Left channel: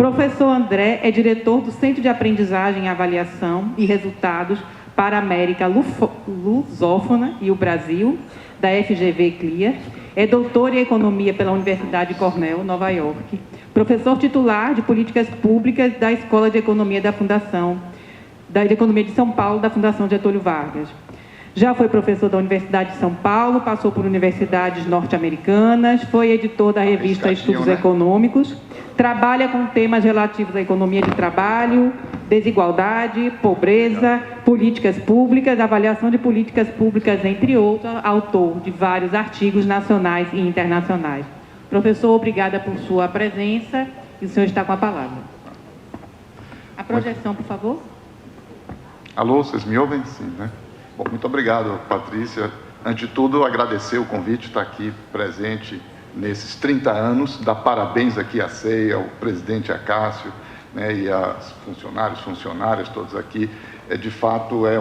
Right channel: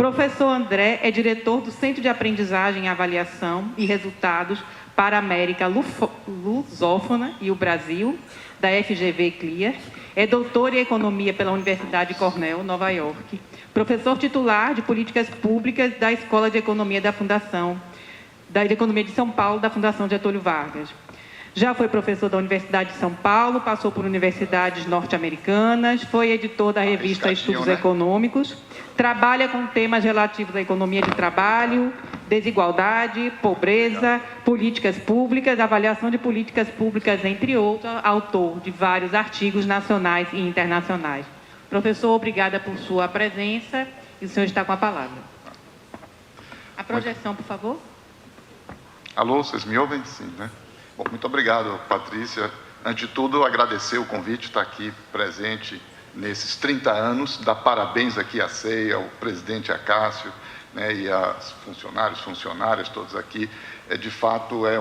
Professor André é diretor do Centro de Aprendizagem, Avaliação e Resultados para a América Lusófona e o Brasil, da FGV CLIA. É doutor em Economia pela Universidade Cornell, Nova York. Professor titular de Políticas Públicas da Escola de Economia da Economia de São Paulo, da Fundação Getúlio Vargas. Já foi professor da Universidade de São Paulo, passou por universidades norte-americanas, foi editor da revista Estudos Econômicos, trabalha com temas relativos à economia de trabalho, desigualdade, pobreza, políticas públicas, avaliação de políticas públicas, entre outros, autor de vários artigos nacionais e internacionais. Professor, obrigada por sua presença e o senhor está com a palavra. A projeção, por favor. Alô, vocês me ouvem? Sim, né? Bom, muito obrigado, Patrícia. Antes de tudo, agradecer o convite de estar aqui presente nesses 30 anos, dar parabéns aqui à CEI, ao presidente Acácio, né, e aos funcionárias, todos aqui. De fato, é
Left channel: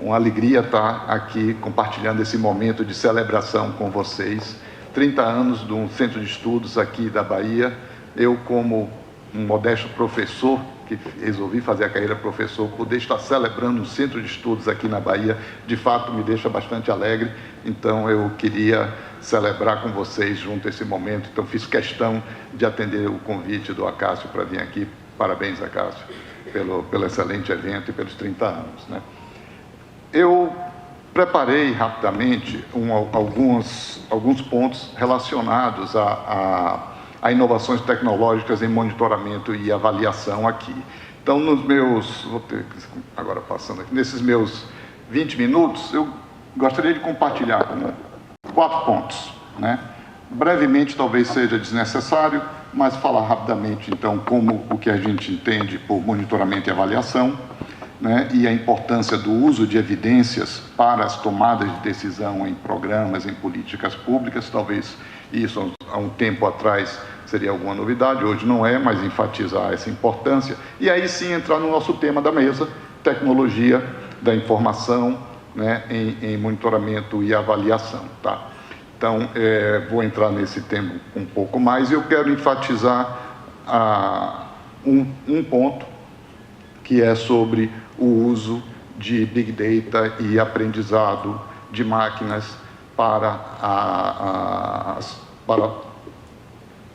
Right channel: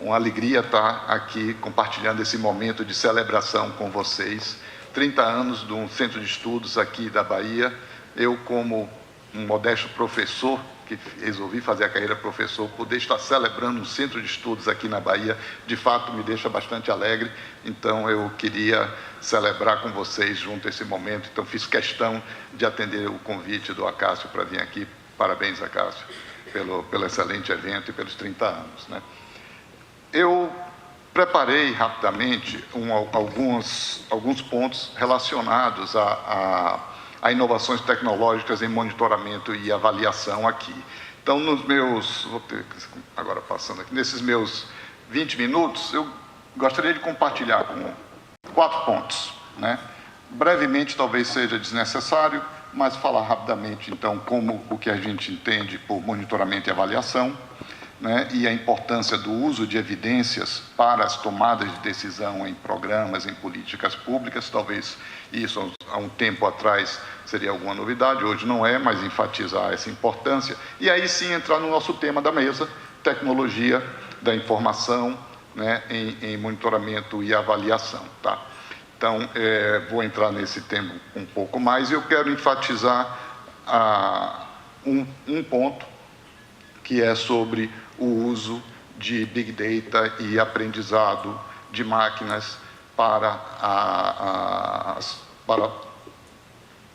uma alegria estar aqui compartilhando esse momento de celebração com vocês. 30 anos de um centro de estudos aqui da Bahia. Eu, como um modesto professor, que resolvi fazer a carreira professor, poder estar celebrando um centro de estudos aqui na Bahia, de fato me deixa bastante alegre. Então, eu queria celebrar com vocês junto esse momento. Então, fiz questão de atender o convite do Acácio para vir aqui. Parabéns, Acácio, pelo excelente evento e pelos 30 anos, né? Eu preparei rapidamente alguns pontos relacionados a inovações tecnológicas em monitoramento e avaliação aqui. Então, nesses meus 20 minutos, eu gostaria de compartilhar com 4 pontos, né? Brevemente, talvez seja desnecessário, mas falar rapidamente, então, como o que a gente entende por monitoramento e avaliação, né? E a importância do uso de evidências para as tomadas de decisão em programas, em políticas públicas. Talvez isso, há um tempo atrás, seria alguma novidade, hoje não é, mas enfatizar essa importância. E aí sim entrar no nosso tema da mesa, tecnologia da informação, né, em monitoramento e avaliação, tá? Então, vou entrar nesse tema um pouco mais e eu quero enfatizar um ponto que é sobre o uso de Big Data e aprendizado de máquinas para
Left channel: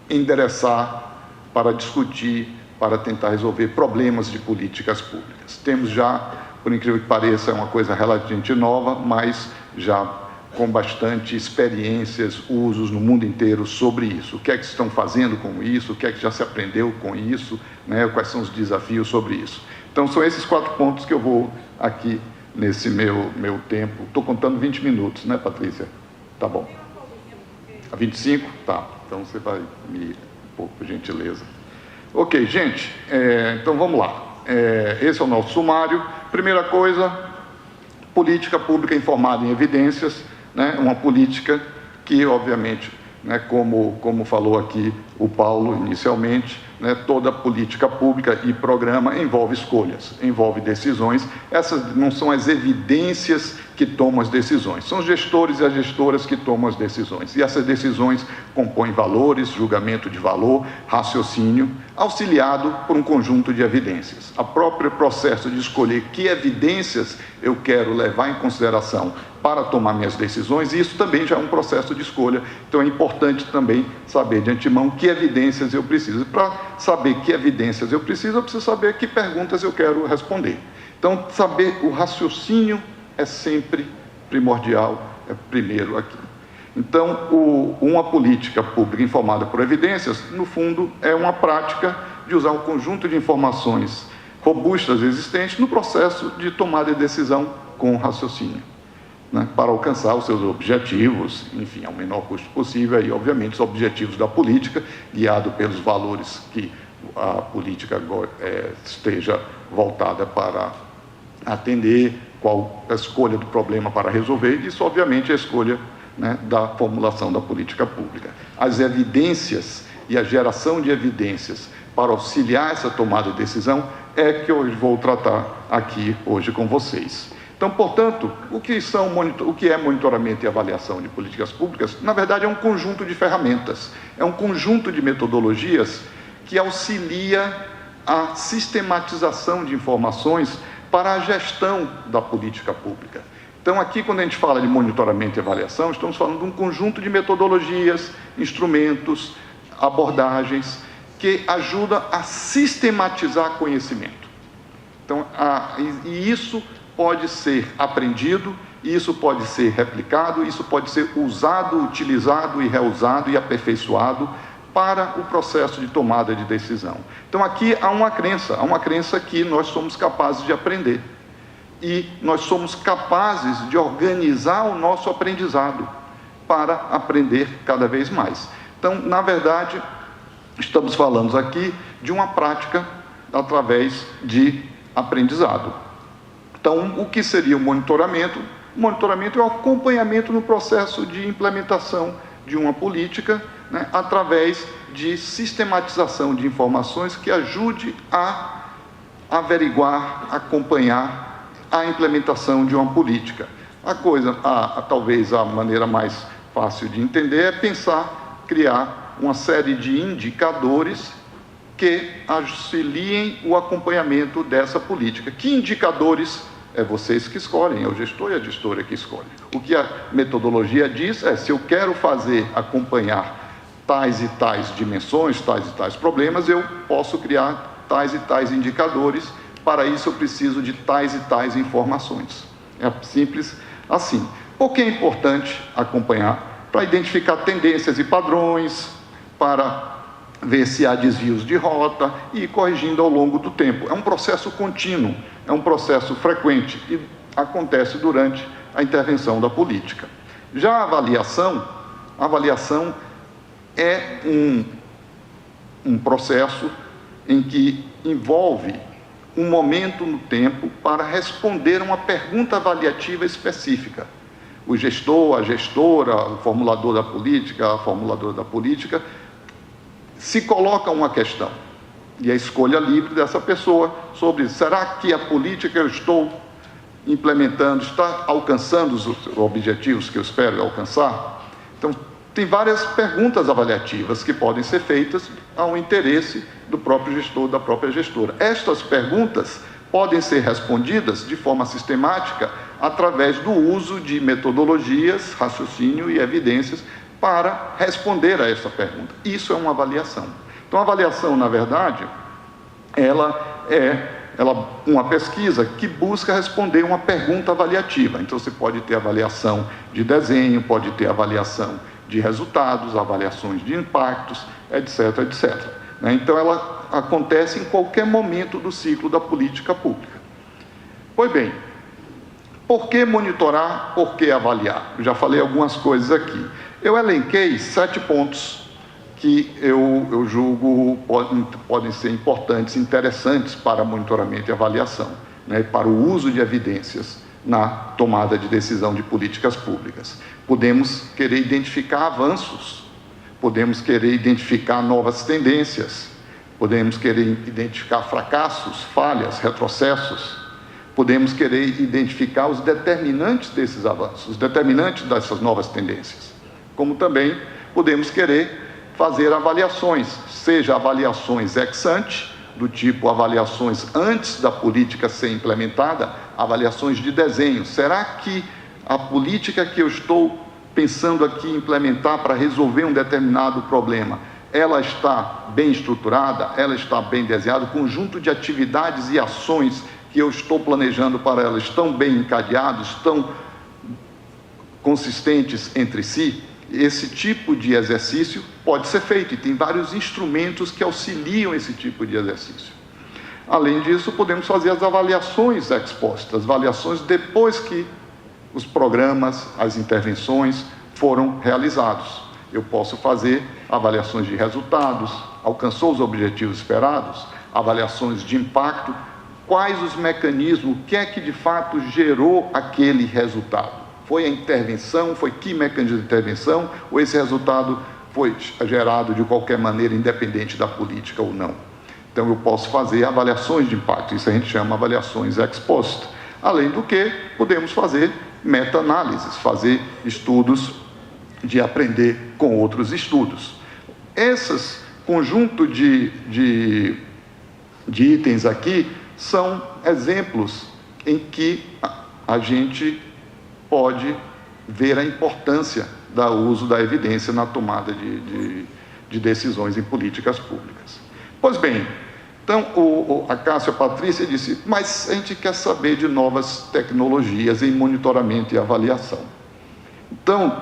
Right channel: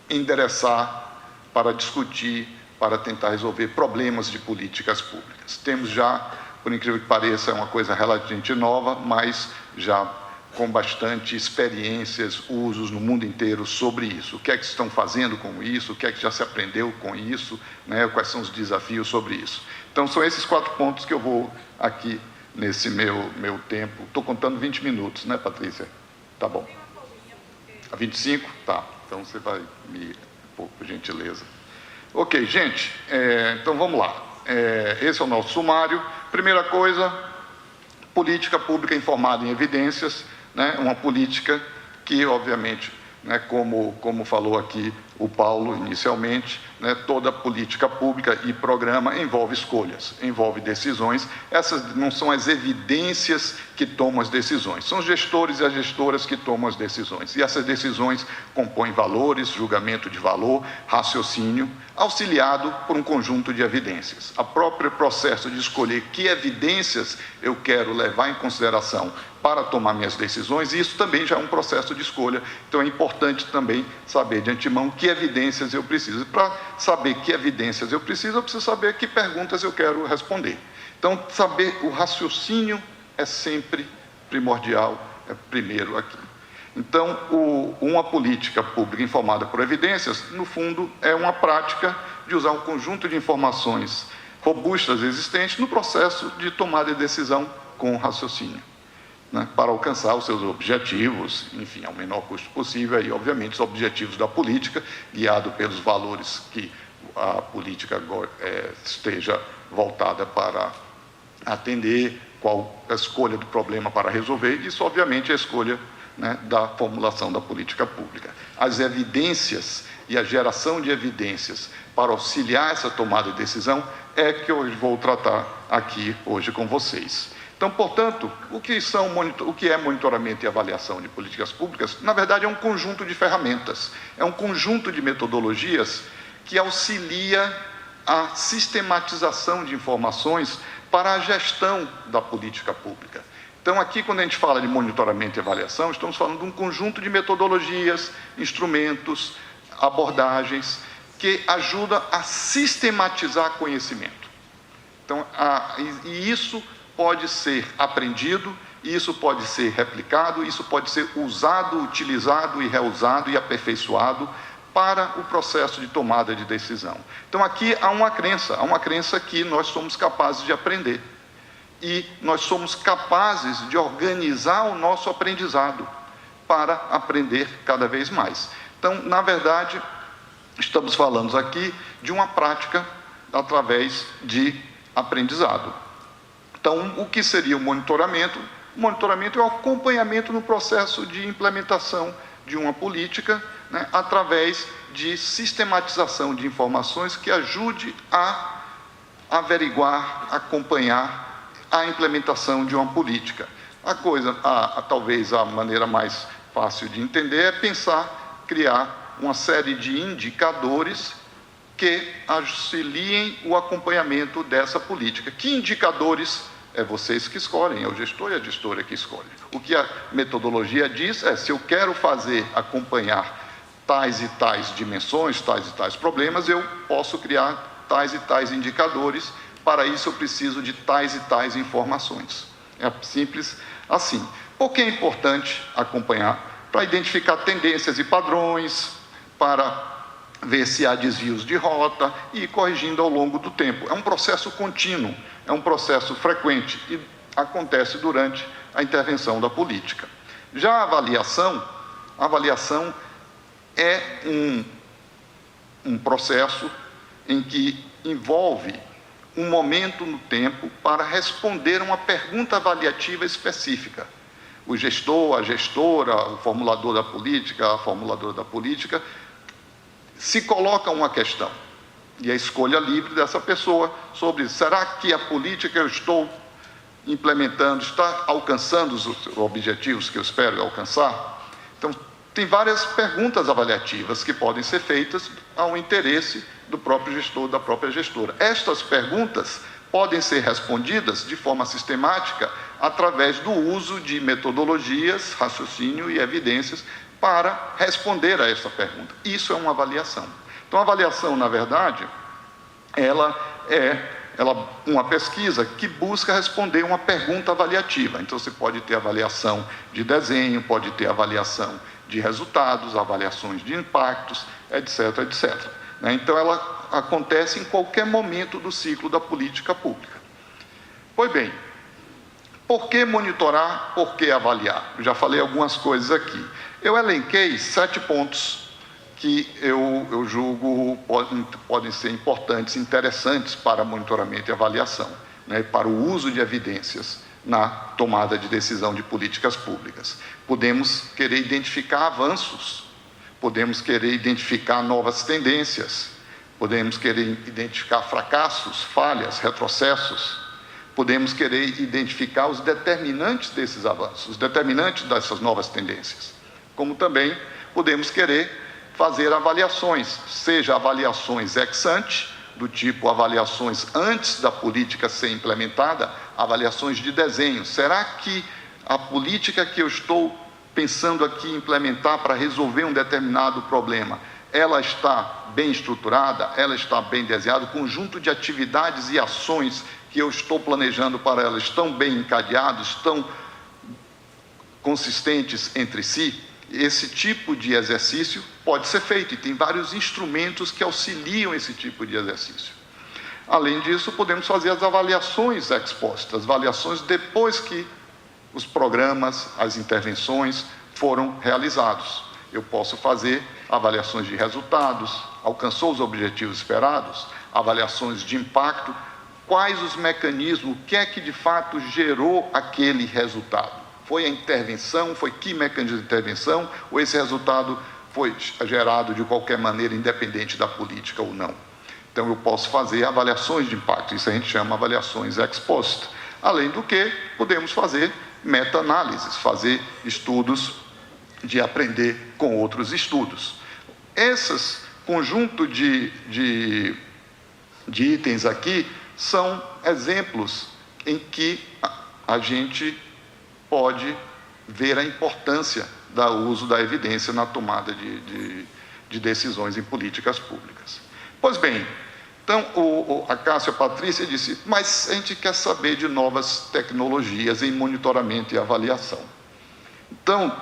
endereçar, para discutir, para tentar resolver problemas de políticas públicas. Temos já, por incrível que pareça, é uma coisa relativamente nova, mas já com bastante experiências, usos no mundo inteiro sobre isso. O que é que estão fazendo com isso? O que é que já se aprendeu com isso? Né? Quais são os desafios sobre isso? Então, são esses 4 pontos que eu vou aqui nesse meu tempo. Estou contando 20 minutos, né, Patrícia? Tá bom. A 25? Tá. Então, você vai me pôr, por gentileza. Ok, gente. Então, vamos lá. Esse é o nosso sumário. Primeira coisa, política pública informada em evidências, né? Uma política que, obviamente, né, como falou aqui o Paulo inicialmente, né, toda política pública e programa envolve escolhas, envolve decisões. Essas não são as evidências que tomam as decisões, são os gestores e as gestoras que tomam as decisões. E essas decisões compõem valores, julgamento de valor, raciocínio, auxiliado por um conjunto de evidências. O próprio processo de escolher que evidências eu quero levar em consideração para tomar minhas decisões, e isso também já é um processo de escolha. Então, é importante também saber de antemão que evidências eu preciso. Para saber que evidências eu preciso saber que perguntas eu quero responder. Então, saber o raciocínio é sempre primordial, é primeiro aqui. Então, uma política pública informada por evidências, no fundo, é uma prática de usar um conjunto de informações robustas existentes no processo de tomada de decisão com raciocínio, né, para alcançar os seus objetivos, enfim, ao menor custo possível, e, obviamente, os objetivos da política, guiado pelos valores que a política esteja voltada para atender, qual a escolha do problema para resolver, isso, obviamente, é a escolha, né, da formulação da política pública. As evidências e a geração de evidências para auxiliar essa tomada de decisão é que eu vou tratar aqui hoje com vocês. Então, portanto, o que é monitoramento e avaliação de políticas públicas? Na verdade, é um conjunto de ferramentas, é um conjunto de metodologias que auxilia a sistematização de informações para a gestão da política pública. Então, aqui, quando a gente fala de monitoramento e avaliação, estamos falando de um conjunto de metodologias, instrumentos, abordagens, que ajudam a sistematizar conhecimento. Então, e isso pode ser aprendido, isso pode ser replicado, isso pode ser usado, utilizado e reusado e aperfeiçoado para o processo de tomada de decisão. Então, aqui há uma crença que nós somos capazes de aprender. E nós somos capazes de organizar o nosso aprendizado para aprender cada vez mais. Então, na verdade, estamos falando aqui de uma prática através de aprendizado. Então, o que seria o monitoramento? O monitoramento é o acompanhamento no processo de implementação de uma política, né, através de sistematização de informações que ajude a averiguar, acompanhar a implementação de uma política. Talvez a maneira mais fácil de entender é pensar, criar uma série de indicadores que auxiliem o acompanhamento dessa política. Que indicadores? É vocês que escolhem, é o gestor e a gestora que escolhem. O que a metodologia diz é, se eu quero acompanhar tais e tais dimensões, tais e tais problemas, eu posso criar tais e tais indicadores. Para isso eu preciso de tais e tais informações. É simples assim. Por que é importante acompanhar? Para identificar tendências e padrões, para ver se há desvios de rota e ir corrigindo ao longo do tempo. É um processo contínuo, é um processo frequente e acontece durante a intervenção da política. Já a avaliação é um processo em que envolve um momento no tempo para responder uma pergunta avaliativa específica. O gestor, a gestora, o formulador da política, a formuladora da política, se coloca uma questão, e a escolha livre dessa pessoa sobre será que a política que eu estou implementando está alcançando os objetivos que eu espero alcançar? Então, tem várias perguntas avaliativas que podem ser feitas ao interesse do próprio gestor, da própria gestora. Estas perguntas podem ser respondidas de forma sistemática através do uso de metodologias, raciocínio e evidências para responder a essa pergunta. Isso é uma avaliação. Então, a avaliação, na verdade, ela é uma pesquisa que busca responder uma pergunta avaliativa. Então, você pode ter avaliação de desenho, pode ter avaliação de resultados, avaliações de impactos, etc., etc. Então, ela acontece em qualquer momento do ciclo da política pública. Pois bem, por que monitorar, por que avaliar? Eu já falei algumas coisas aqui. Eu elenquei 7 pontos que eu julgo podem ser importantes, interessantes para monitoramento e avaliação, né, para o uso de evidências na tomada de decisão de políticas públicas. Podemos querer identificar avanços, podemos querer identificar novas tendências, podemos querer identificar fracassos, falhas, retrocessos, podemos querer identificar os determinantes desses avanços, os determinantes dessas novas tendências, como também podemos querer fazer avaliações, seja avaliações ex ante, do tipo avaliações antes da política ser implementada, avaliações de desenho. Será que a política que eu estou pensando aqui implementar para resolver um determinado problema, ela está bem estruturada, ela está bem desenhada, o conjunto de atividades e ações que eu estou planejando para ela estão bem encadeados, estão consistentes entre si? Esse tipo de exercício pode ser feito e tem vários instrumentos que auxiliam esse tipo de exercício. Além disso, podemos fazer as avaliações ex post, as avaliações depois que os programas, as intervenções foram realizados. Eu posso fazer avaliações de resultados, alcançou os objetivos esperados, avaliações de impacto, quais os mecanismos, o que é que de fato gerou aquele resultado. Foi a intervenção, foi que mecanismo de intervenção, ou esse resultado foi gerado de qualquer maneira, independente da política ou não. Então, eu posso fazer avaliações de impacto, isso a gente chama avaliações ex post. Além do que, podemos fazer meta-análises, fazer estudos de aprender com outros estudos. Essas conjunto de itens aqui são exemplos em que a gente pode ver a importância do uso da evidência na tomada de decisões em políticas públicas. Pois bem, então a Cássia Patrícia disse, mas a gente quer saber de novas tecnologias em monitoramento e avaliação. Então,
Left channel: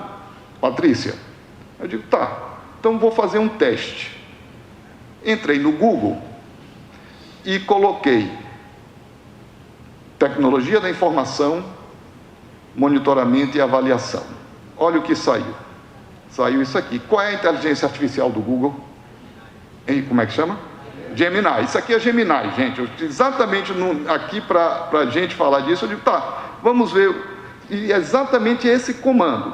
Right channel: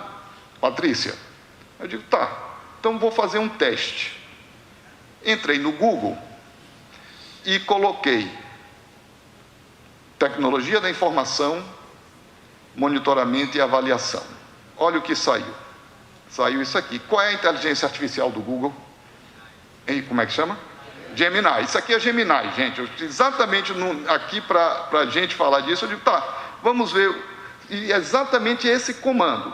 Patrícia, eu digo, tá, então vou fazer um teste. Entrei no Google e coloquei tecnologia da informação, monitoramento e avaliação. Olha o que saiu. Saiu isso aqui. Qual é a inteligência artificial do Google? E como é que chama? Gemini. Isso aqui é Gemini, gente. Exatamente aqui para a gente falar disso, eu digo, tá, vamos ver. E exatamente esse comando.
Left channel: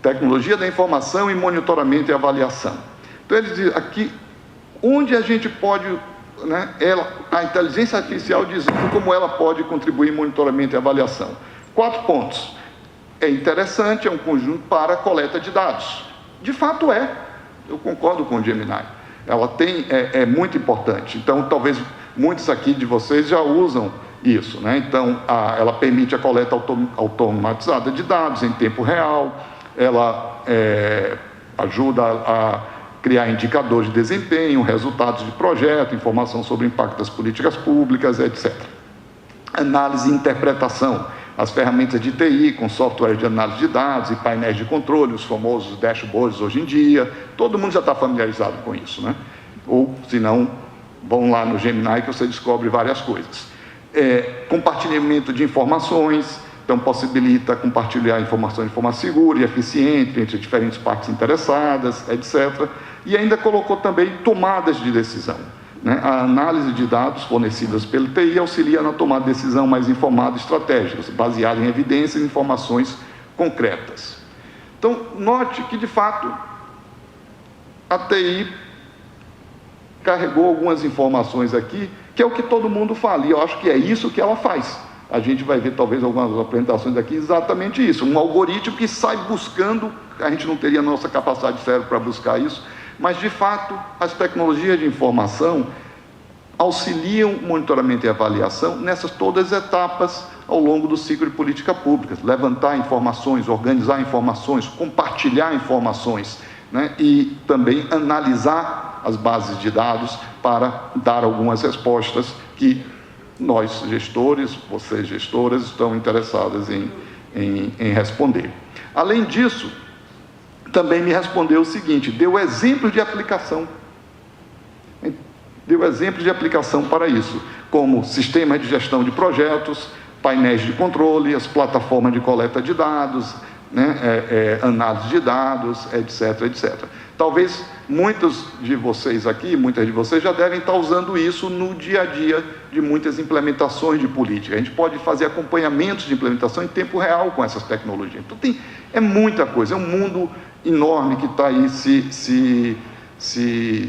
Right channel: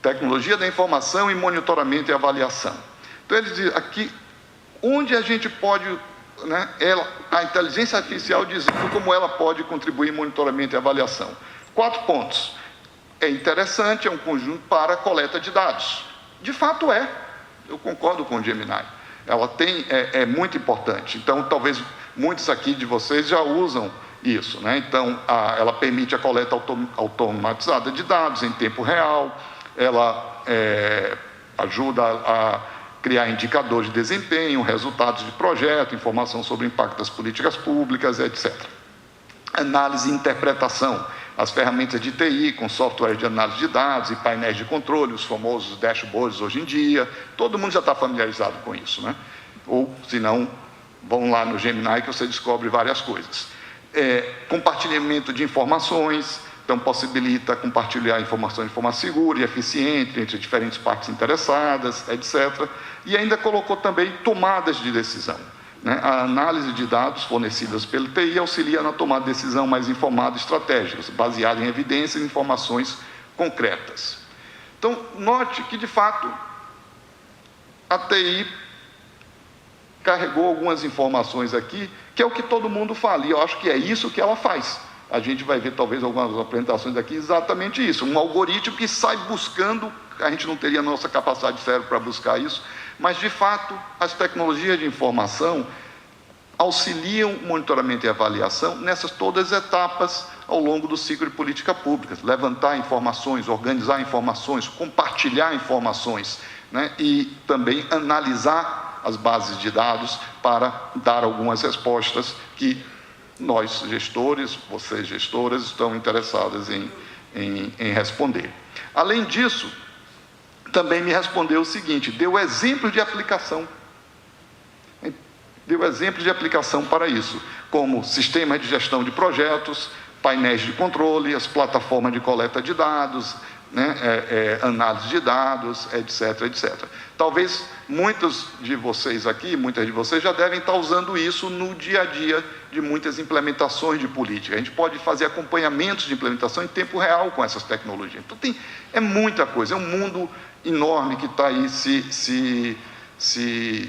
Tecnologia da informação e monitoramento e avaliação. Então, ele diz aqui, onde a gente pode, né, a inteligência artificial dizendo como ela pode contribuir em monitoramento e avaliação. 4 pontos. É interessante, é um conjunto para coleta de dados. De fato é. Eu concordo com o Gemini. Ela é muito importante. Então, talvez muitos aqui de vocês já usam isso, né? Então, ela permite a coleta automatizada de dados em tempo real, ela ajuda a criar indicadores de desempenho, resultados de projeto, informação sobre o impacto das políticas públicas, etc. Análise e interpretação, as ferramentas de TI, com software de análise de dados e painéis de controle, os famosos dashboards hoje em dia, todo mundo já está familiarizado com isso, né? Ou, se não, vão lá no Gemini que você descobre várias coisas. Compartilhamento de informações, então possibilita compartilhar informação de forma segura e eficiente entre diferentes partes interessadas, etc. E ainda colocou também tomadas de decisão, né? A análise de dados fornecidas pelo TI auxilia na tomada de decisão mais informada e estratégica, baseada em evidências e informações concretas. Então, note que, de fato, a TI carregou algumas informações aqui, que é o que todo mundo fala, e eu acho que é isso que ela faz. A gente vai ver, talvez, algumas apresentações aqui, exatamente isso, um algoritmo que sai buscando, a gente não teria a nossa capacidade de cérebro para buscar isso, mas, de fato, as tecnologias de informação auxiliam o monitoramento e avaliação nessas todas as etapas ao longo do ciclo de política pública. Levantar informações, organizar informações, compartilhar informações, né? E também analisar as bases de dados para dar algumas respostas que nós, gestores, vocês, gestoras, estão interessadas em responder. Além disso, também me respondeu o seguinte, deu exemplos de aplicação. Deu exemplos de aplicação para isso, como sistemas de gestão de projetos, painéis de controle, as plataformas de coleta de dados, né, análise de dados, etc, etc. Talvez muitos de vocês aqui, muitas de vocês já devem estar usando isso no dia a dia de muitas implementações de política. A gente pode fazer acompanhamentos de implementação em tempo real com essas tecnologias. Então, é muita coisa, é um mundo enorme que está aí se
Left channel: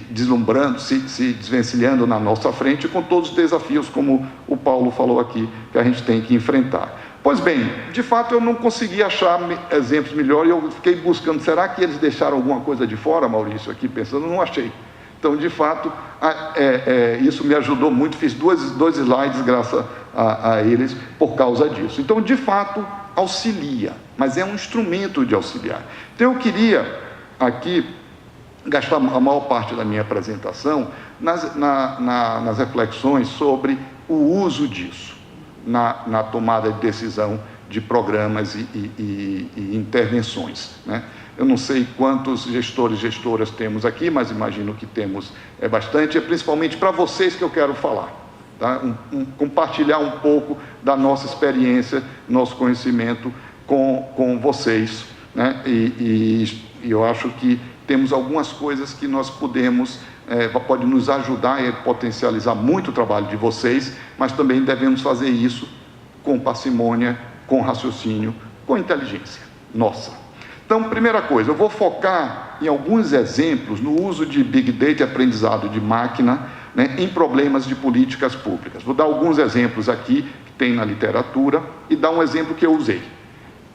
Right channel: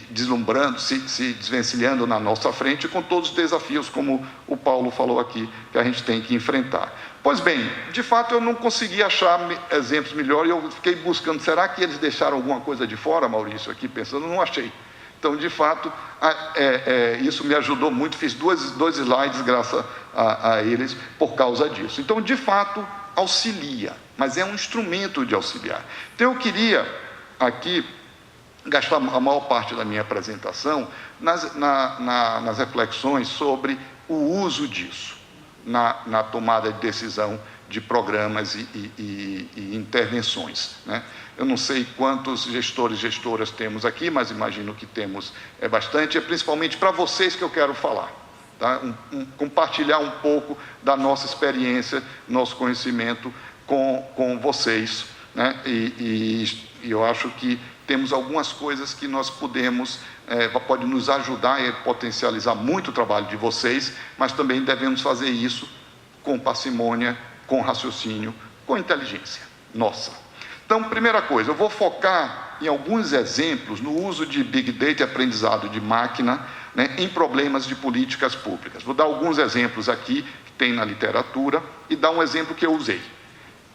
deslumbrando, se desvencilhando na nossa frente, com todos os desafios, como o Paulo falou aqui, que a gente tem que enfrentar. Pois bem, de fato eu não consegui achar exemplos melhores, eu fiquei buscando, será que eles deixaram alguma coisa de fora, Maurício, aqui pensando, não achei. Então, de fato, isso me ajudou muito, fiz dois slides graças a eles por causa disso. Então, de fato, auxilia, mas é um instrumento de auxiliar. Então, eu queria aqui gastar a maior parte da minha apresentação nas reflexões sobre o uso disso na tomada de decisão de programas e intervenções, né? Eu não sei quantos gestores e gestoras temos aqui, mas imagino que temos bastante, é principalmente para vocês que eu quero falar, tá? Compartilhar um pouco da nossa experiência, nosso conhecimento com vocês, né? E eu acho que temos algumas coisas que nós podemos, pode nos ajudar e potencializar muito o trabalho de vocês, mas também devemos fazer isso com parcimônia, com raciocínio, com inteligência nossa. Então, primeira coisa, eu vou focar em alguns exemplos no uso de Big Data e aprendizado de máquina, né, em problemas de políticas públicas. Vou dar alguns exemplos aqui, que tem na literatura, e dar um exemplo que eu usei,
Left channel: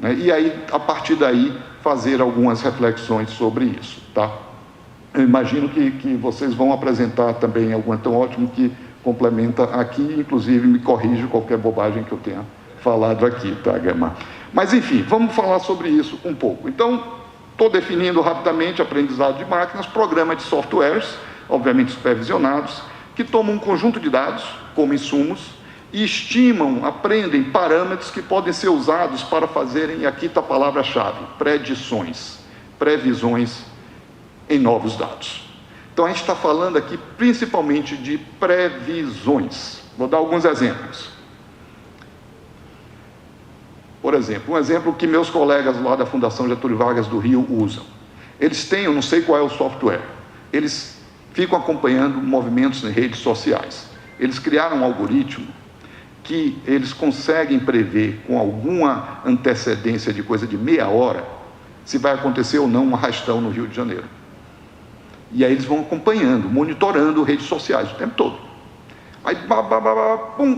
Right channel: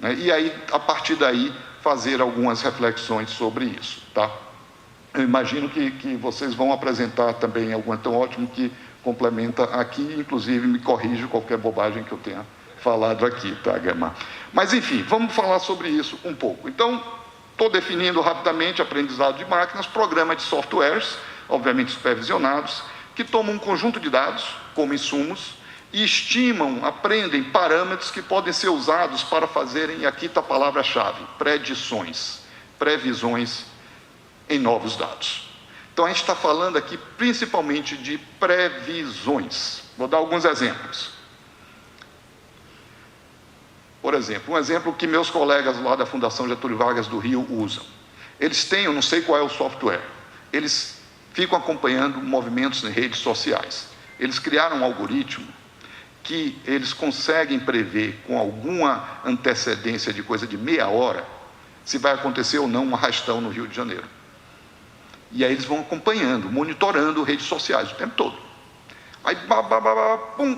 né, e aí, a partir daí, fazer algumas reflexões sobre isso, tá? eu imagino que vocês vão apresentar também algo tão ótimo que complementa aqui, inclusive me corrige qualquer bobagem que eu tenha falado aqui, tá, Guilherme? Mas, enfim, vamos falar sobre isso um pouco. Então, estou definindo rapidamente aprendizado de máquinas, programa de softwares, obviamente supervisionados, que tomam um conjunto de dados, como insumos, e estimam, aprendem parâmetros que podem ser usados para fazerem, e aqui está a palavra-chave, predições, previsões em novos dados. Então, a gente está falando aqui principalmente de previsões. Vou dar alguns exemplos. Por exemplo, um exemplo que meus colegas lá da Fundação Getúlio Vargas do Rio usam. Eles têm, eu não sei qual é o software, eles ficam acompanhando movimentos em redes sociais. Eles criaram um algoritmo que eles conseguem prever com alguma antecedência de coisa de meia hora se vai acontecer ou não um arrastão no Rio de Janeiro. E aí eles vão acompanhando, monitorando redes sociais o tempo todo. Aí,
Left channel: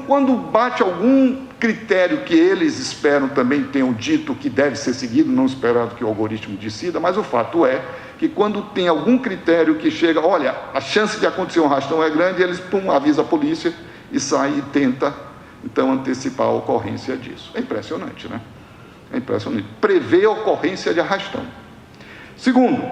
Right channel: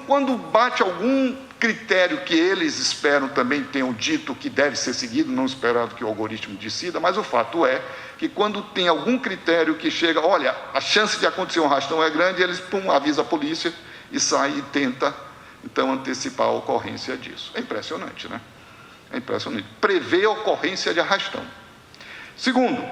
quando bate algum critério que eles esperam também tenham dito que deve ser seguido, não esperando que o algoritmo decida, mas o fato é que quando tem algum critério que chega, olha, a chance de acontecer um arrastão é grande, eles avisam a polícia e sai e tenta, então, antecipar a ocorrência disso. É impressionante, né? É impressionante. Prever a ocorrência de arrastão. Segundo,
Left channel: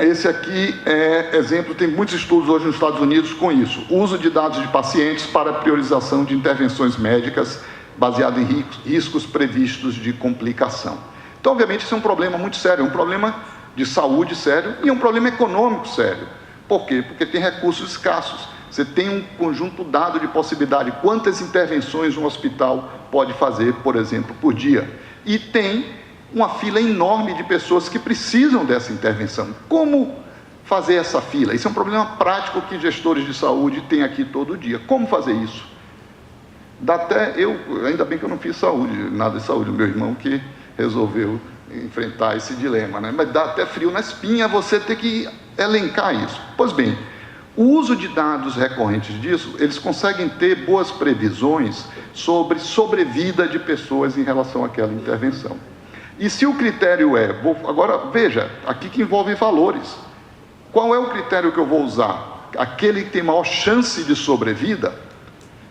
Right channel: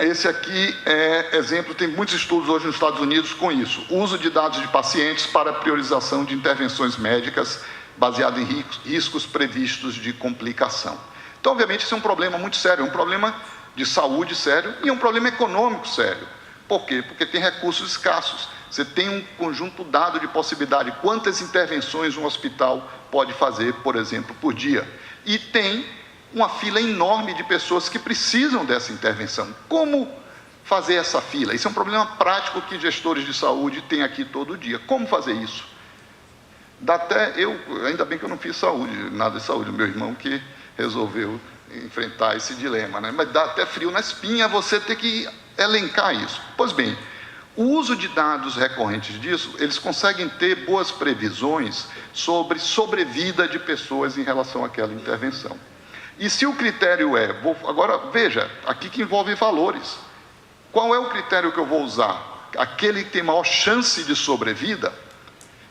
esse aqui é exemplo, tem muitos estudos hoje nos Estados Unidos com isso. O uso de dados de pacientes para priorização de intervenções médicas baseado em riscos previstos de complicação. Então, obviamente, isso é um problema muito sério, é um problema de saúde sério e é um problema econômico sério. Por quê? Porque tem recursos escassos. Você tem um conjunto dado de possibilidade. Quantas intervenções um hospital pode fazer, por exemplo, por dia? E tem uma fila enorme de pessoas que precisam dessa intervenção. Como fazer essa fila? Isso é um problema prático que gestores de saúde têm aqui todo dia. Como fazer isso? Dá até ainda bem que eu não fiz saúde, nada de saúde, o meu irmão que resolveu enfrentar esse dilema, né? Mas dá até frio na espinha você ter que elencar isso. Pois bem, o uso de dados recorrentes disso, eles conseguem ter boas previsões sobre sobrevida de pessoas em relação àquela intervenção. E se o critério agora veja, aqui que envolve valores. Qual é o critério que eu vou usar? Aquele que tem maior chance de sobrevida?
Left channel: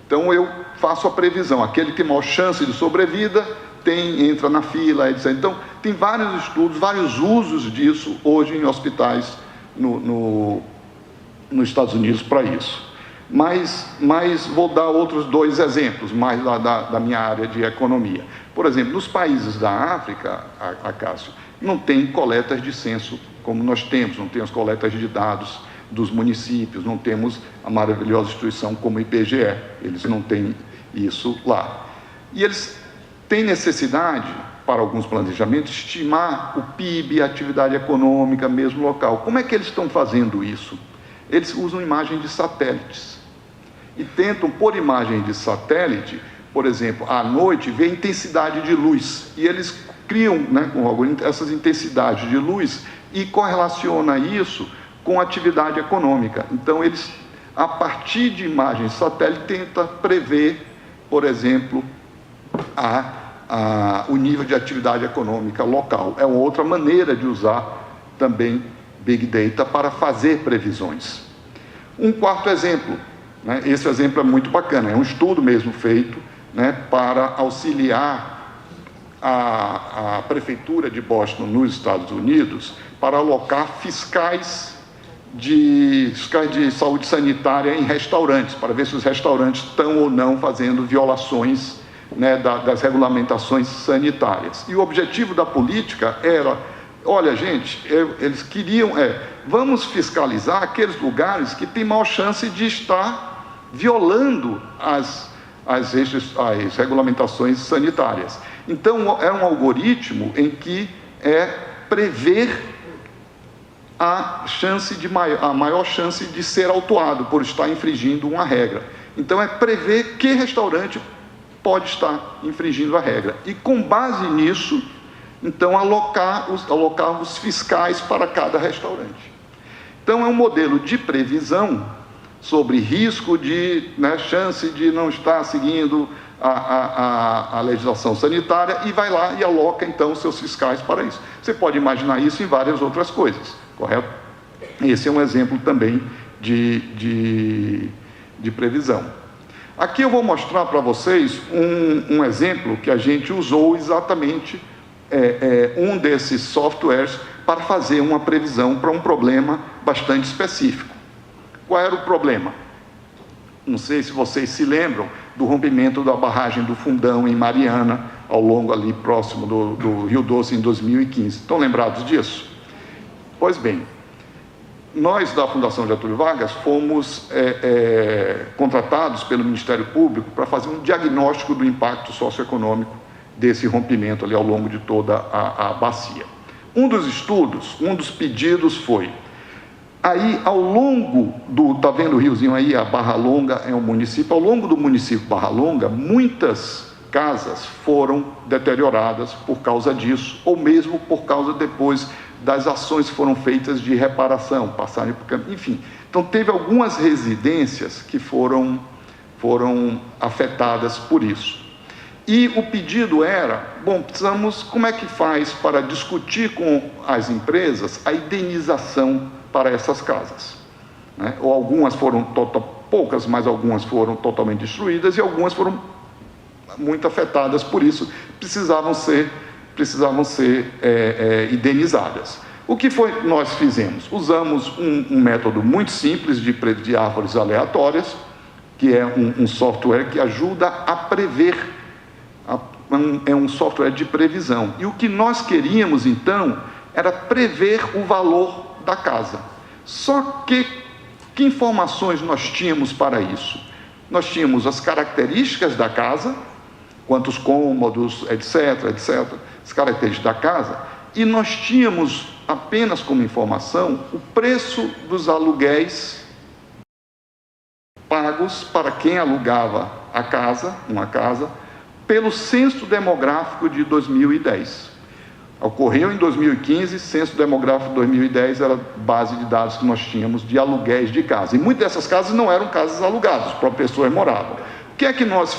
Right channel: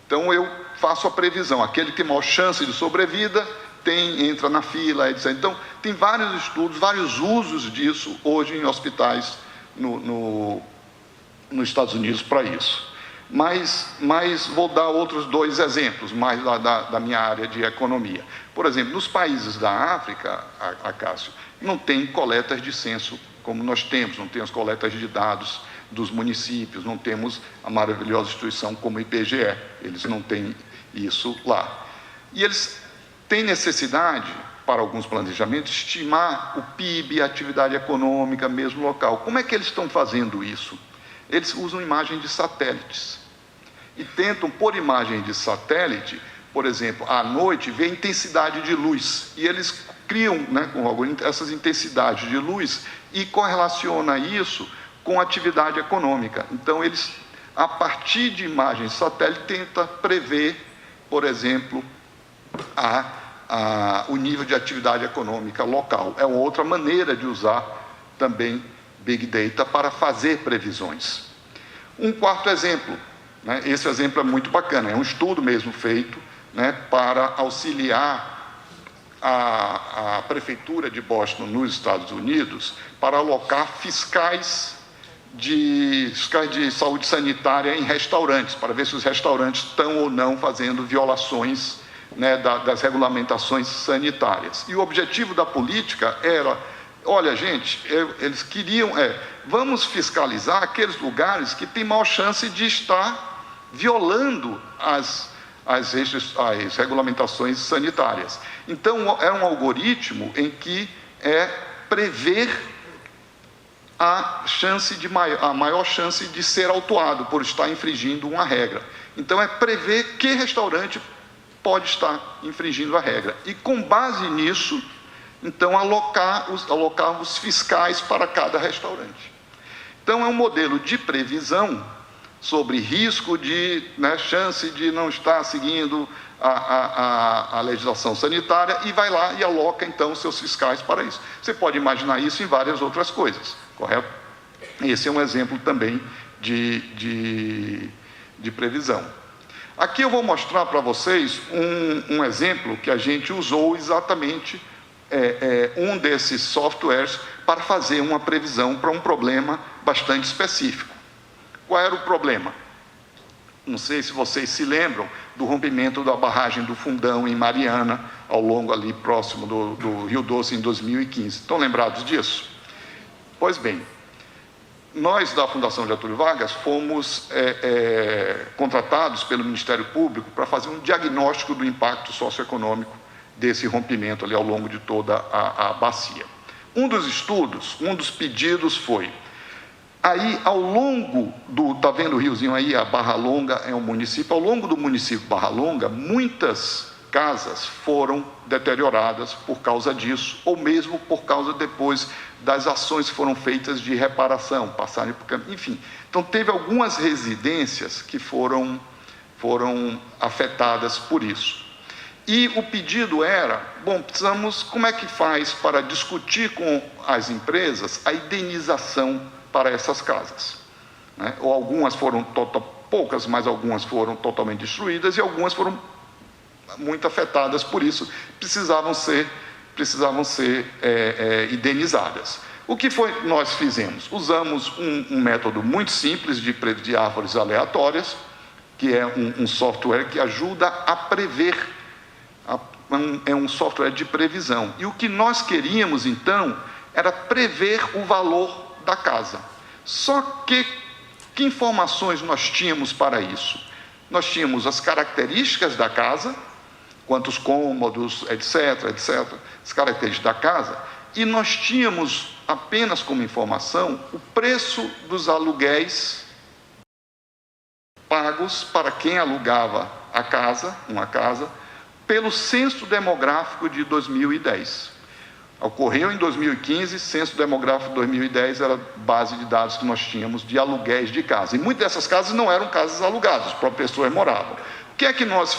Então eu faço a previsão, aquele que tem maior chance de sobrevida entra na fila, etc. Então tem vários estudos, vários usos disso hoje em hospitais nos Estados Unidos para isso. Mas vou dar outros dois exemplos, mais da minha área de economia. Por exemplo, nos países da África, Cássio, não tem coletas de censo como nós temos, não tem as coletas de dados dos municípios, não temos a maravilhosa instituição como o IBGE, eles não têm isso lá. E eles têm necessidade, para alguns planejamentos, estimar o PIB, a atividade econômica mesmo local. Como é que eles estão fazendo isso? Eles usam imagem de satélites e tentam, por imagem de satélite, por exemplo, à noite, ver a intensidade de luz. E eles criam, né, com algoritmo, essas intensidades de luz e correlaciona isso com a atividade econômica. Então, eles, a partir de imagens de satélite, tentam prever, por exemplo, o nível de atividade econômica local. É uma outra maneira de usar também Big Data para fazer previsões. Um quarto exemplo, né, esse exemplo é muito bacana, é um estudo mesmo feito, né, para auxiliar a Prefeitura de Boston, nos Estados Unidos, para alocar fiscais de saúde sanitária em restaurantes, para ver se os restaurantes estão ou não fazendo violações, né, das regulamentações sanitárias. E o objetivo da política era, olha, gente, eles queriam, vamos fiscalizar aqueles lugares que têm maior chance de estar violando as regulamentações sanitárias. Então, é um algoritmo em que prever a maior chance de ser autuado por estar infringindo uma regra. Então, é prever que restaurante pode estar infringindo a regra. E, com base nisso, então, alocar os fiscais para cada restaurante. Então, é um modelo de previsão sobre risco de, né, chance de não estar seguindo a legislação sanitária e vai lá e aloca, então, seus fiscais para isso. Você pode imaginar isso em várias outras coisas. correto? Esse é um exemplo também de previsão. Aqui eu vou mostrar para vocês um exemplo que a gente usou exatamente um desses softwares para fazer uma previsão para um problema bastante específico. Qual era o problema? Não sei se vocês se lembram do rompimento da barragem do Fundão em Mariana, ao longo ali próximo do Rio Doce em 2015. Estão lembrados disso? Pois bem, nós da Fundação Getúlio Vargas fomos contratados pelo Ministério Público para fazer um diagnóstico do impacto socioeconômico desse rompimento ali ao longo de toda a bacia. Um dos estudos, um dos pedidos foi, aí ao longo tá vendo o riozinho aí, a Barra Longa é um município, ao longo do município Barra Longa, muitas casas foram deterioradas por causa disso, ou mesmo por causa depois das ações que foram feitas de reparação, passarem por caminho, enfim. Então, teve algumas residências que foram afetadas por isso. E o pedido era, bom, como é que faz para discutir com as empresas a indenização para essas casas? Né? Ou algumas foram, poucas, mas algumas foram totalmente destruídas e algumas foram muito afetadas por isso, precisavam ser indenizadas. O que foi nós fizemos? Usamos um método muito simples de árvores aleatórias, que é um software que ajuda a prever, é um software de previsão. E o que nós queríamos, então, era prever o valor da casa. Só que informações nós tínhamos para isso? Nós tínhamos as características da casa, quantos cômodos, etc., as características da casa, e nós tínhamos apenas como informação o preço dos aluguéis pagos para quem alugava uma casa, pelo censo demográfico de 2010. Ocorreu em 2015, censo demográfico de 2010 era base de dados que nós tínhamos de aluguéis de casa. E muitas dessas casas não eram casas alugadas, as próprias pessoas moravam. O que é que nós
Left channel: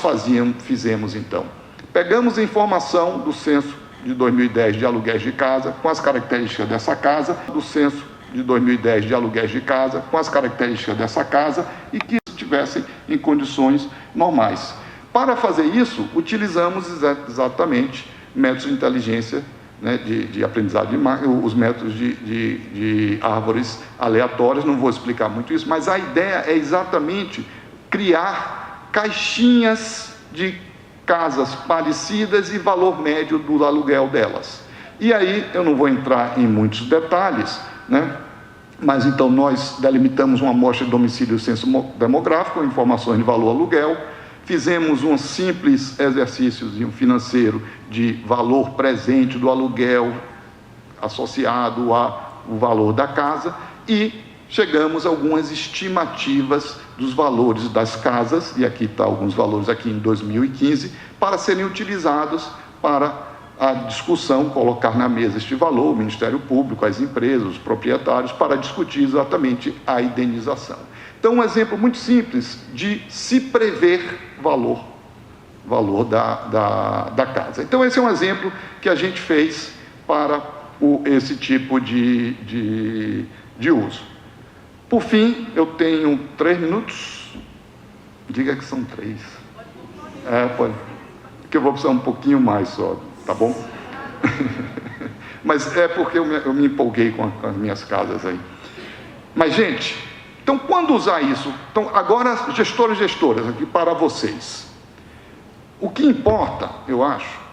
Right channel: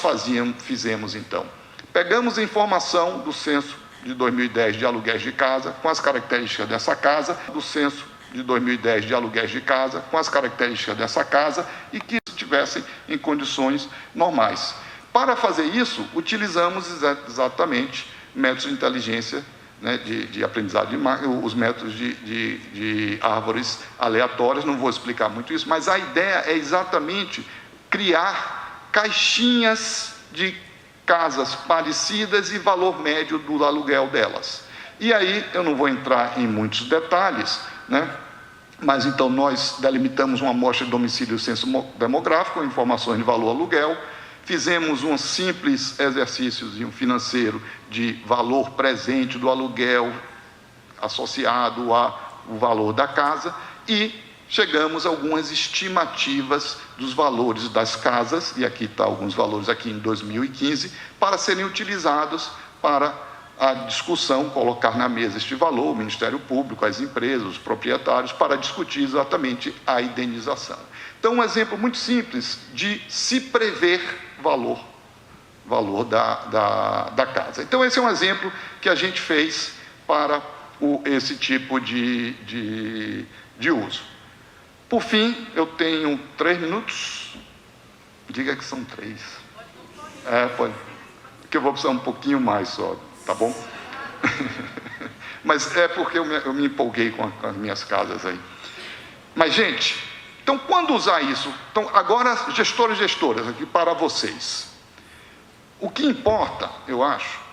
fizemos então? Pegamos a informação do censo de 2010 de aluguéis de casa, com as características dessa casa, do censo de 2010 de aluguéis de casa, com as características dessa casa e que estivessem em condições normais. Para fazer isso, utilizamos exatamente métodos de inteligência, né, de aprendizado de máquina, os métodos de árvores aleatórias, não vou explicar muito isso, mas a ideia é exatamente criar caixinhas de casas parecidas e valor médio do aluguel delas. E aí, eu não vou entrar em muitos detalhes, né? Mas então nós delimitamos uma amostra de domicílio e censo demográfico, informações de valor aluguel, fizemos um simples exercício financeiro de valor presente do aluguel associado ao valor da casa e chegamos a algumas estimativas dos valores das casas, e aqui está alguns valores aqui em 2015, para serem utilizados para a discussão, colocar na mesa este valor, o Ministério Público, as empresas, os proprietários, para discutir exatamente a indenização. Então, um exemplo muito simples de se prever valor da casa. Então, esse é um exemplo que a gente fez para esse tipo de uso. Por fim, eu tenho 3 minutos. Diga que são 3. Pode. Que eu vou precisar um pouquinho mais só, tá bom? Mas é porque eu me empolguei com as minhas casas aí. Mas, gente, então, quando usar isso? Então, agora, gestores e gestoras, aqui para vocês. O que importa, eu acho,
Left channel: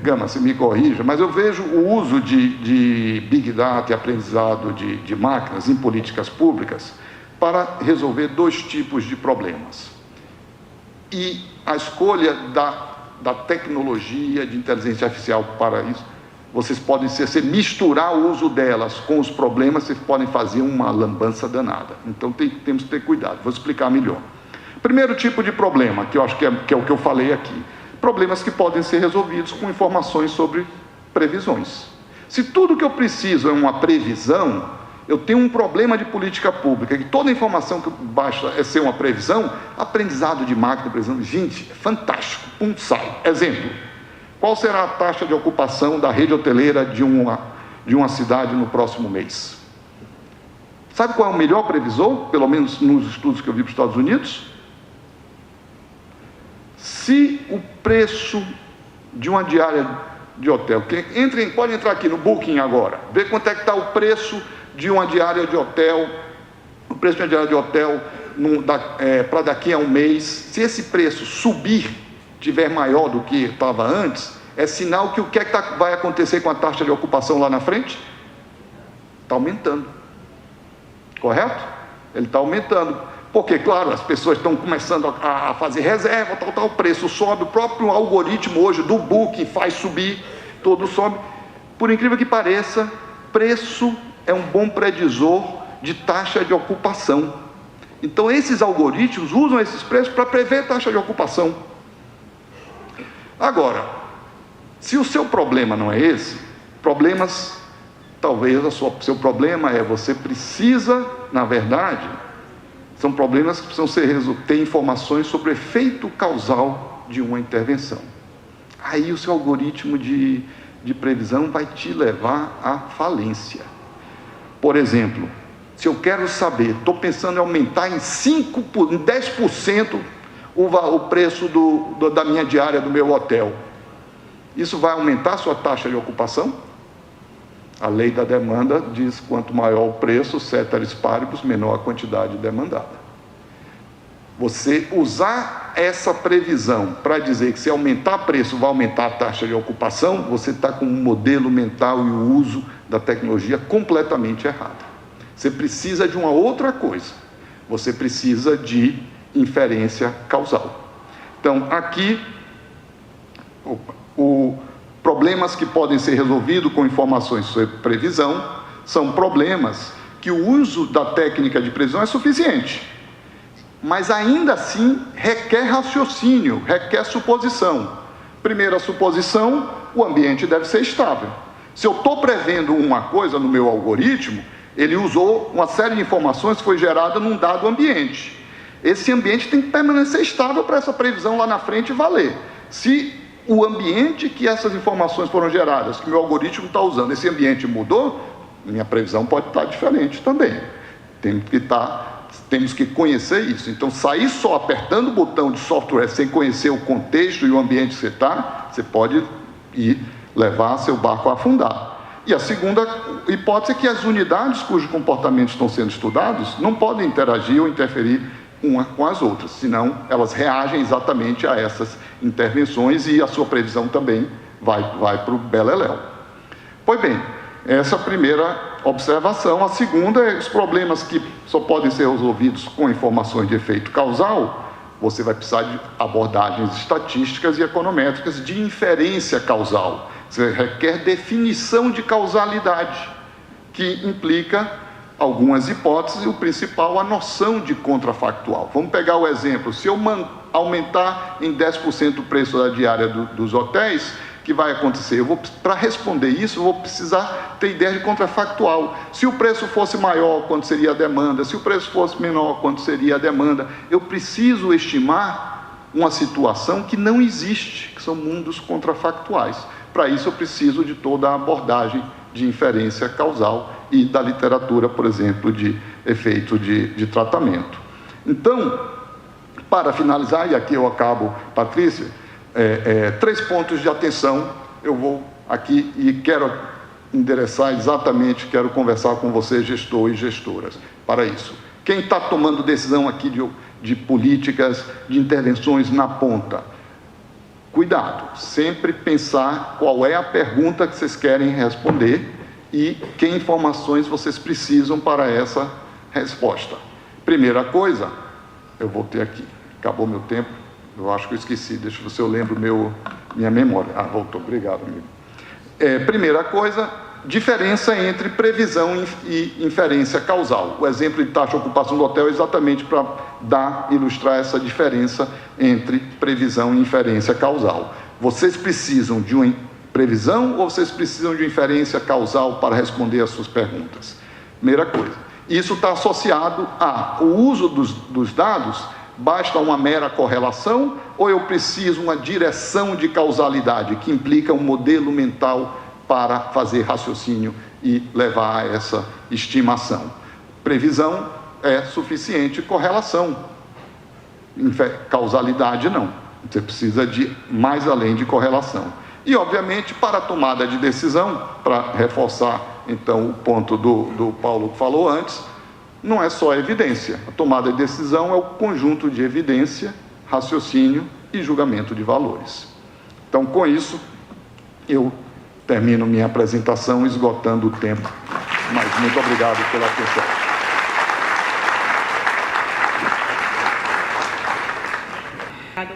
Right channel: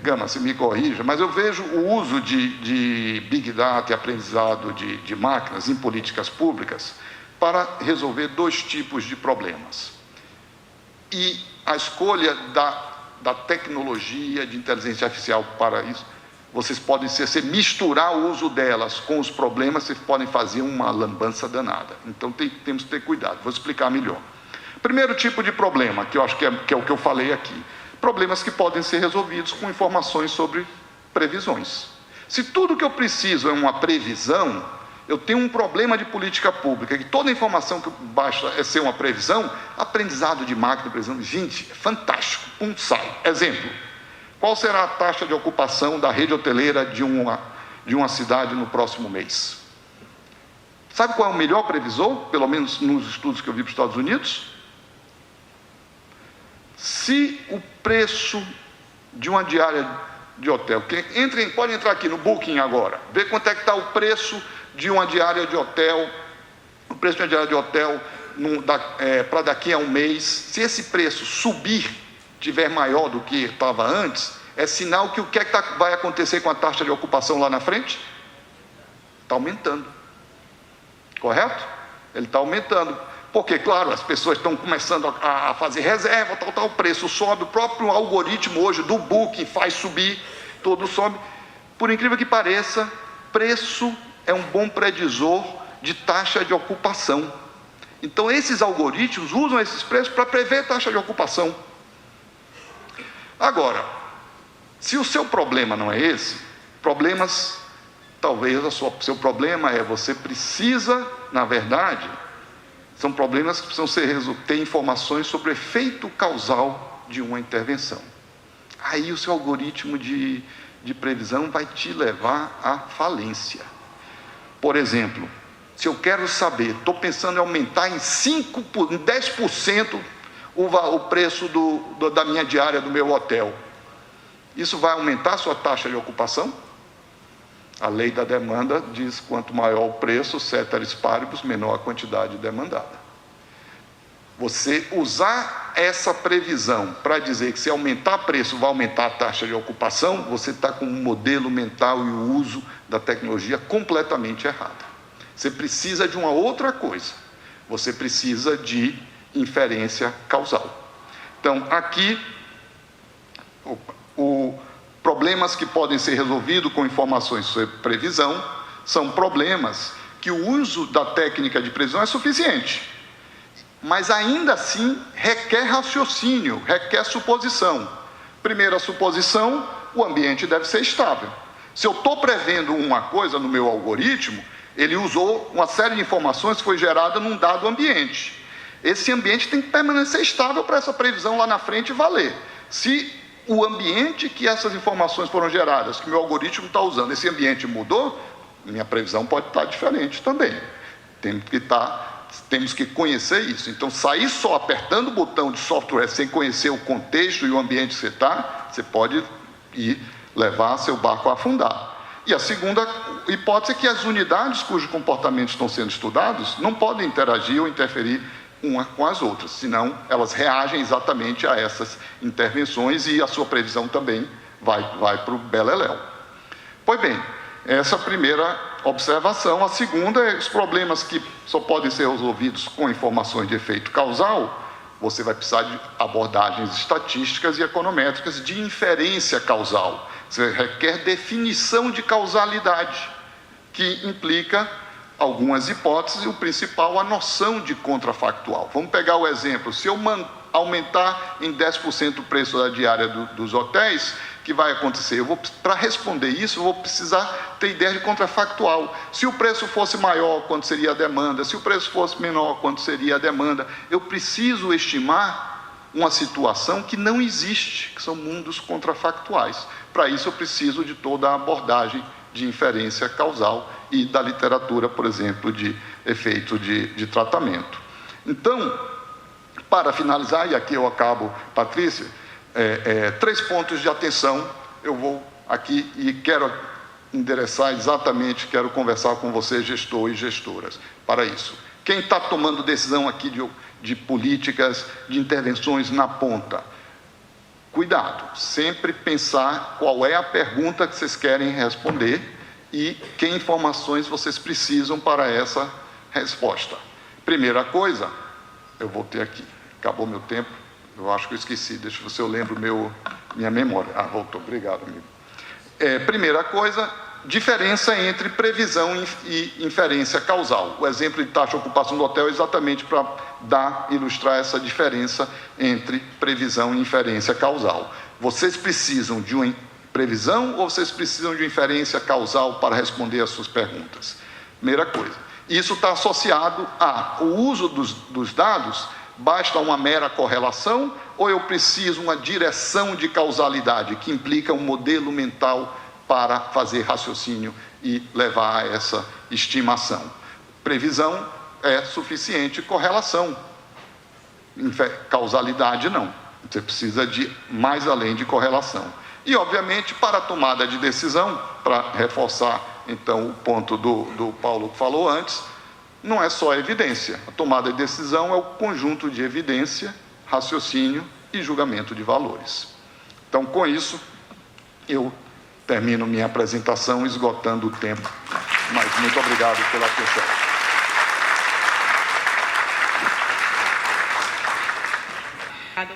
Gama, se me corrija, mas eu vejo o uso de Big Data e aprendizado de máquinas em políticas públicas para resolver 2 tipos de problemas. E a escolha da tecnologia de inteligência artificial para isso, vocês podem misturar o uso delas com os problemas, vocês podem fazer uma lambança danada. Então, temos que ter cuidado. Vou explicar melhor. Primeiro tipo de problema, que eu acho que é o que eu falei aqui. Problemas que podem ser resolvidos com informações sobre previsões. Se tudo que eu preciso é uma previsão, eu tenho um problema de política pública, que toda informação que basta é ser uma previsão, aprendizado de máquina, previsão, gente, é fantástico, sai. Exemplo, qual será a taxa de ocupação da rede hoteleira de de uma cidade no próximo mês. Sabe qual é o melhor previsor, pelo menos nos estudos que eu vi para os Estados Unidos? Se o preço de uma diária de hotel, pode entrar aqui no Booking agora, ver quanto é que está o preço de uma diária de hotel, o preço de uma diária de hotel para daqui a um mês. Se esse preço subir, tiver maior do que estava antes, é sinal que o que é que vai acontecer com a taxa de ocupação lá na frente? Está aumentando. Correto? Ele está aumentando. Porque, claro, as pessoas estão começando a fazer reserva, o preço sobe, o próprio algoritmo hoje do Booking faz subir, tudo sobe. Por incrível que pareça, preço é um bom predisor de taxa de ocupação. Então, esses algoritmos usam esses preços para prever taxa de ocupação. Agora, se o seu problema não é esse, talvez seu problema é você precisa, na verdade, são problemas que precisam ter informações sobre o efeito causal de uma intervenção. Aí o seu algoritmo de previsão vai te levar à falência. Por exemplo, se eu quero saber, estou pensando em aumentar em 10% o preço da minha diária do meu hotel, isso vai aumentar a sua taxa de ocupação? A lei da demanda diz: quanto maior o preço, ceteris paribus, menor a quantidade demandada. Você usar essa previsão para dizer que se aumentar o preço vai aumentar a taxa de ocupação, você está com um modelo mental e o uso da tecnologia completamente errado. Você precisa de uma outra coisa. Você precisa de inferência causal. Então, aqui, problemas que podem ser resolvidos com informações sobre previsão são problemas que o uso da técnica de previsão é suficiente, mas ainda assim requer raciocínio, requer suposição. Primeira suposição: o ambiente deve ser estável. Se eu estou prevendo uma coisa no meu algoritmo, ele usou uma série de informações que foi gerada num dado ambiente. Esse ambiente tem que permanecer estável para essa previsão lá na frente valer. Se o ambiente que essas informações foram geradas, que o meu algoritmo está usando, esse ambiente mudou, minha previsão pode estar diferente também. Temos que conhecer isso. Então, sair só apertando o botão de software sem conhecer o contexto e o ambiente que você está, você pode levar seu barco a afundar. E a segunda hipótese é que as unidades cujos comportamentos estão sendo estudados não podem interagir ou interferir uma com as outras, senão elas reagem exatamente a essas intervenções e a sua previsão também vai para o beleléu. Pois bem, essa é a primeira observação. A segunda é os problemas que só podem ser resolvidos com informações de efeito causal. Você vai precisar de abordagens estatísticas e econométricas de inferência causal. Você requer definição de causalidade, que implica algumas hipóteses e o principal, a noção de contrafactual. Vamos pegar o exemplo: se eu aumentar em 10% o preço da diária dos hotéis, o que vai acontecer? Para responder isso, eu vou precisar ter ideia de contrafactual. Se o preço fosse maior, quanto seria a demanda? Se o preço fosse menor, quanto seria a demanda? Eu preciso estimar uma situação que não existe, que são mundos contrafactuais. Para isso, eu preciso de toda a abordagem de inferência causal e da literatura, por exemplo, de efeito de tratamento. Então, para finalizar, e aqui eu acabo, Patrícia, 3 pontos de atenção eu vou aqui e quero endereçar exatamente, quero conversar com vocês, gestor e gestoras, para isso. Quem está tomando decisão aqui de políticas, de intervenções na ponta, cuidado, sempre pensar qual é a pergunta que vocês querem responder e que informações vocês precisam para essa resposta. Primeira coisa, eu voltei aqui, acabou meu tempo, eu acho que eu esqueci, deixa eu ver se eu lembro minha memória. Voltou, obrigado, amigo. Primeira coisa, diferença entre previsão e inferência causal. O exemplo de taxa de ocupação do hotel é exatamente para ilustrar essa diferença entre previsão e inferência causal. Vocês precisam de uma previsão ou vocês precisam de uma inferência causal para responder às suas perguntas? Primeira coisa. Isso está associado ao uso dos dados. Basta uma mera correlação ou eu preciso uma direção de causalidade que implica um modelo mental para fazer raciocínio e levar a essa estimação. Previsão é suficiente, correlação. Causalidade não. Você precisa de mais além de correlação. E, obviamente, para a tomada de decisão, para reforçar, então, o ponto do Paulo que falou antes, não é só evidência. A tomada de decisão é o conjunto de evidência, raciocínio e julgamento de valores. Então, com isso, eu termino minha apresentação esgotando o tempo. Mas muito obrigado pela atenção.